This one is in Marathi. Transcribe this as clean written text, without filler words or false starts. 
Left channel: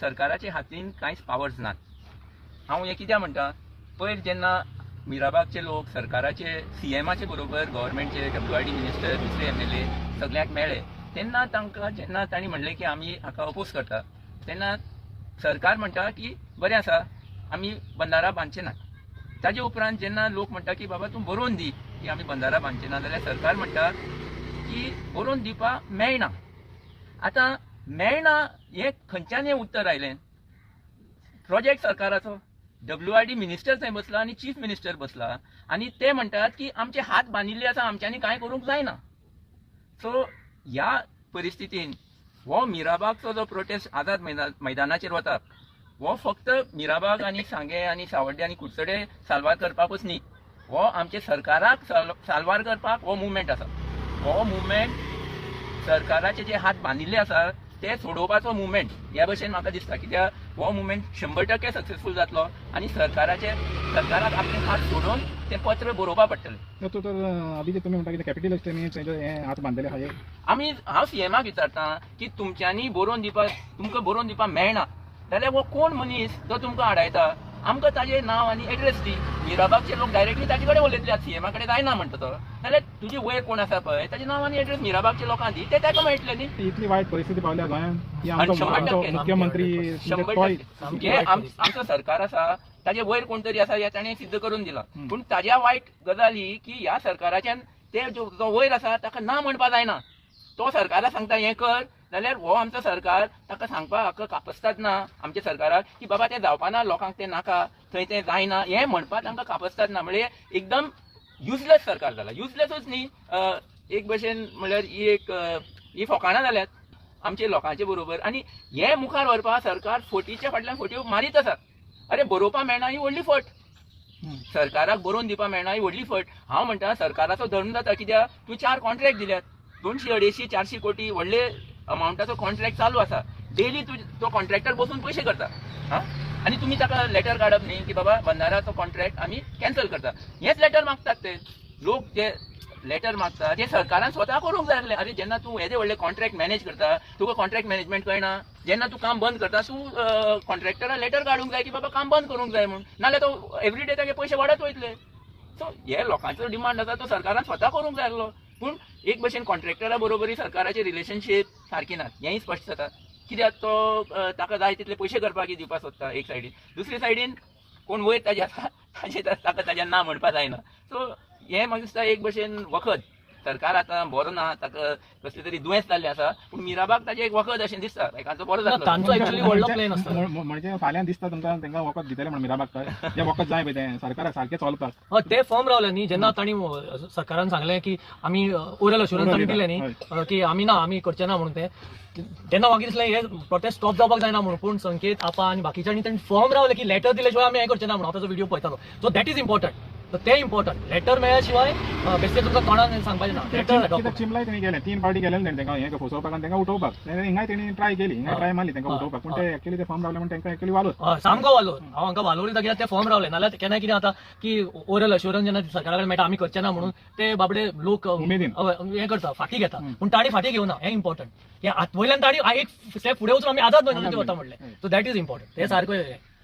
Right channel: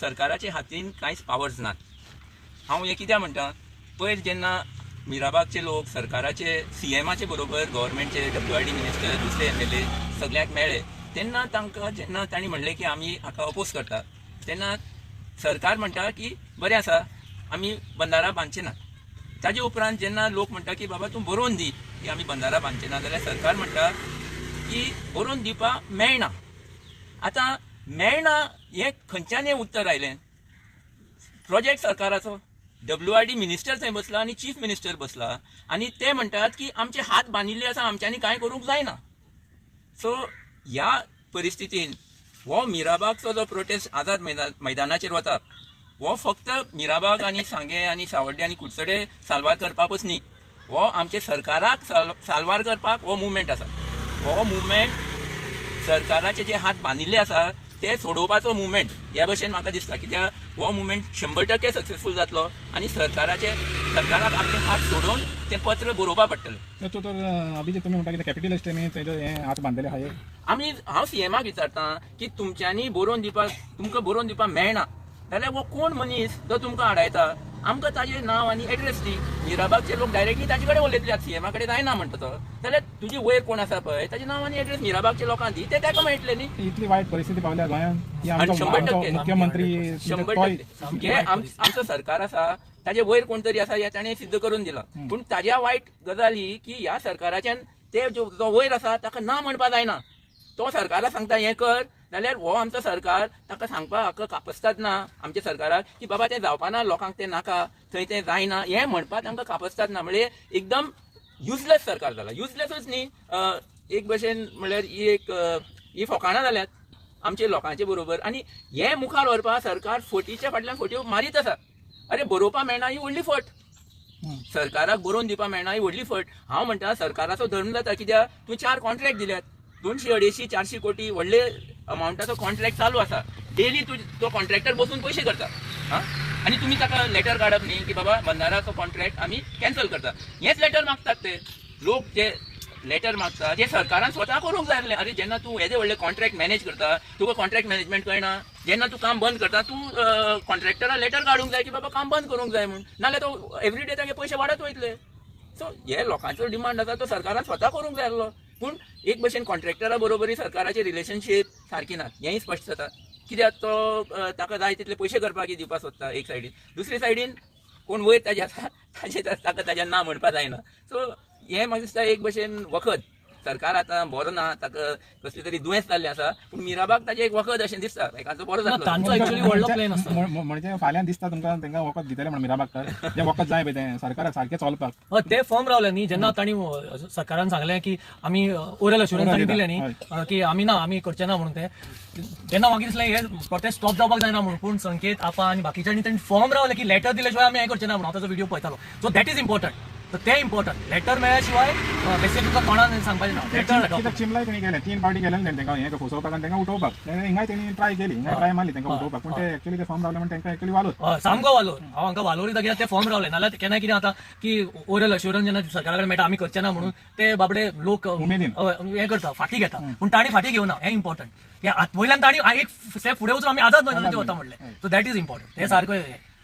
सरकाराच्या हातीन कांयच पावर्स नात। हांव हें कित्याक म्हणटा, पयर जेन्ना मिराबागचे लोक सरकाराचे सीएमाचे बरोबर गव्हर्मेंटचे WRD मिनिस्टर दुसरे MLA सगळ्यांक मेळ्ळे तेन्ना तांकां जेन्ना तांणी म्हणलें की आमी हाका अपोज करता तेन्ना सरकार म्हणटा की बरें आसा आमी बंदारा बांदचे नात। ताजे उपरांत जेन्ना लोक म्हणटा की बाबा तूं बरोवन दी की आमी बंदारा बांदचे ना, जाल्यार सरकार म्हणटा की बरोवन दिवपाक मेळना। आतां मेळना हें खंयच्यान उत्तर आयलें? प्रोजेक्ट सरकाराचो WRD मिनिस्टर थंय बसला आनी चीफ मिनिस्टर बसला आनी ते म्हणटात की आमचे हात बांदिल्ले आसा, आमच्यांनी कांय करूंक जायना। सो ह्या परिस्थितीन हो मिराबागचो जो प्रोटेस्ट आझाद मैदानाचेर वता हो फक्त मिराबाग आनी सांगे आनी सावड्डे आनी कुडचडे साल्वार करपाकूच न्ही, हो आमचे सरकाराक साल्वार करपाक हो मुवमेंट आसा। हो मुवमेंट सरकाराचे जे हात बांदिल्ले आसा ते सोडोवपाचो मुवमेंट ह्या भशेन म्हाका दिसता। कित्याक हो मुवमेंट 100% सक्सेसफूल जातलो आनी सरकाराक आपले हात सोडून ते पत्र बरोवपा पडटलें। तो अभिजित तुम्ही म्हणटा की कॅपिटलिस्टांनी हे हात बांधलेले आहा हांव सीएमाक विचारता की तुमच्यांनी बरोवन दिवपाक तुमकां बरोवन दिवपाक मेळना जाल्यार हो कोण मनीस जो तुमकां आडायता आमकां ताजें नांव आनी एड्रेस दी। मिराबागचे लोक डायरेक्टली ताजे कडेन उलयतले, सीएमा कडेन जायना म्हणटा तो, जाल्यार तुजी वयर कोण आसा पळय ताजें नांव आनी एड्रेस मिराबागच्या लोकांक दी, ते ताका मेळटले न्ही। इतली वायट परिस्थिती पावल्या गोंयांत मुख्यमंत्री मुख्यमंत्री आमचो सरकार आसा ताजे वयर कोण तरी आसा हे ताणें सिद्ध करून दिला। पूण ताज्या वायट गजाली की ह्या सरकाराच्यान ते जो वयर आसा ताका ना म्हणपा जायना। तो सरकाराक सांगता हें कर जाल्यार हो आमचो सरकार ताका सांगपाक हाका कापसतात ना आमच्या सरकाराक की बाबा तें जावपाना, लोकांक तें नाका, थंय तें जायना हें म्हणपाक तांकां कापसतात ना। म्हणजे एकदम युजलेस सरकार जाला। युजलेसच न्ही, एक भशेन म्हणल्यार ही फोकाणां जाल्यात आमच्या लोकांचे बरोबर आनी हें मुखार व्हरपाक सरकार फटीच्या फाटल्यान फट्यो मारीत आसा। अरे बरोवपा मेळना ही व्हडली फट, सरकाराक बरोवन दिवपाक मेळना ही व्हडली फट। हांव म्हणटा सरकाराचो धर्म जाता, कित्याक तुवें 4 कॉन्ट्रॅक्ट दिल्यात, 200-250-400 कोटी व्हडले अमाउंटाचो कॉन्ट्रॅक्ट चालू आसा। डेली तो कॉन्ट्रॅक्टर बसून पयशे करता आनी तुमी ताका लेटर काडप न्ही की बाबा बंदाराचो कॉन्ट्रॅक्ट आमी कॅन्सल करता। हेच लेटर मागतात ते लोक, जे लेटर मागता जे सरकारान स्वता करूंक जाय आसलें। अरे जेन्ना तूं येदे व्हडले कॉन्ट्रॅक्ट मॅनेज करता तुका कॉन्ट्रॅक्ट मॅनेजमेंट कळना, जेन्ना तूं काम बंद करता तूं कॉन्ट्रॅक्टराक लेटर काडूंक जाय की बाबा काम बंद करूंक जाय म्हूण, नाल्यार तो एवरीडे तागे पयशे वाडत वयतले। सो हे लोकांचो डिमांड आसा तो सरकारान स्वता करूंक जाय आसलो। पूण एक भशेन कॉन्ट्रॅक्टरा बरोबरी सरकाराचे रिलेशनशीप सारकी नात हेंय स्पश्ट जाता। कित्याक तो ताका जाय तितले पयशे करपाक दिवपाक सोदता एक सायडीन, दुसरे सायडीन कोण वयर ताजे आसा ताका ताजें ना म्हणपा जायना। सो हें म्हाका दिसता एक भशेन वखद। सरकार आतां बरो ना, ताका कसले तरी दुयेंस जाल्लें आसा, पूण मिराबाग ताजें एक वखद अशें दिसता, तांचो बरो जातलो। तांचो एक्चुअली व्हडलो प्लॅन आसता म्हणजे फाल्यां दिसता तुमकां तांकां वखद दितले म्हण मिराबाग हें वखद जाय पळय तें सरकाराक सारकें चलपाक। ते फॉर्म रावले न्ही, जेन्ना तांणी सरकारान सांगलें की आमी ओरल अश्युरन्स तांणी दिलें न्ही की आमी करचे ना म्हणून, ते तेन्ना म्हाका दिसलें हे प्रोटेस्ट स्टॉप जावपाक जायना म्हणून। पूण संकेत आपा आनी बाकीच्यांनी तांणी फॉर्म रावले की लेटर दिले शिवाय आमी हें करचे ना म्हणून। हांव ताचो व्हिडिओ पळयतालो। सो दॅट इज इम्पॉर्टंट, तर ते इम्पॉर्टंट। लेटर मेळ्ळ्या शिवाय बेसिकली तुमकां कोणाक सांगपाचें ना। लेटर चिमलाय तेणी केलें, 3 फावटी केलें तांकां हें फसोवपाक आनी तांकां उठोवपाक। हिंगाय तेणी ट्राय केली, ट्राय मारली तांकां उठोवपाक, पूण ते एक्चुअली ते फॉर्म रावले म्हण तांकां एक्चुअली वालोर सामको वालोर। हांव हांकां वालोरी जाग्यार ते फॉर्म रावले, नाल्यार केन्ना कितें जाता की ओरल अश्युरन्स जेन्ना सरकारा कडेन मेळटा आमी करचे ना म्हणून ते बाबडे लोक हें करता, फाटी घेता। पूण ताणी फाटी घेवना, हें इम्पॉर्टंट। हे वयल्यान ताणी एक स्टेप फुडें वचून आमी आझाद मैदानाचेर वता म्हणलें। सो दॅट इज इम्पॉर्टंट, हें सारकें।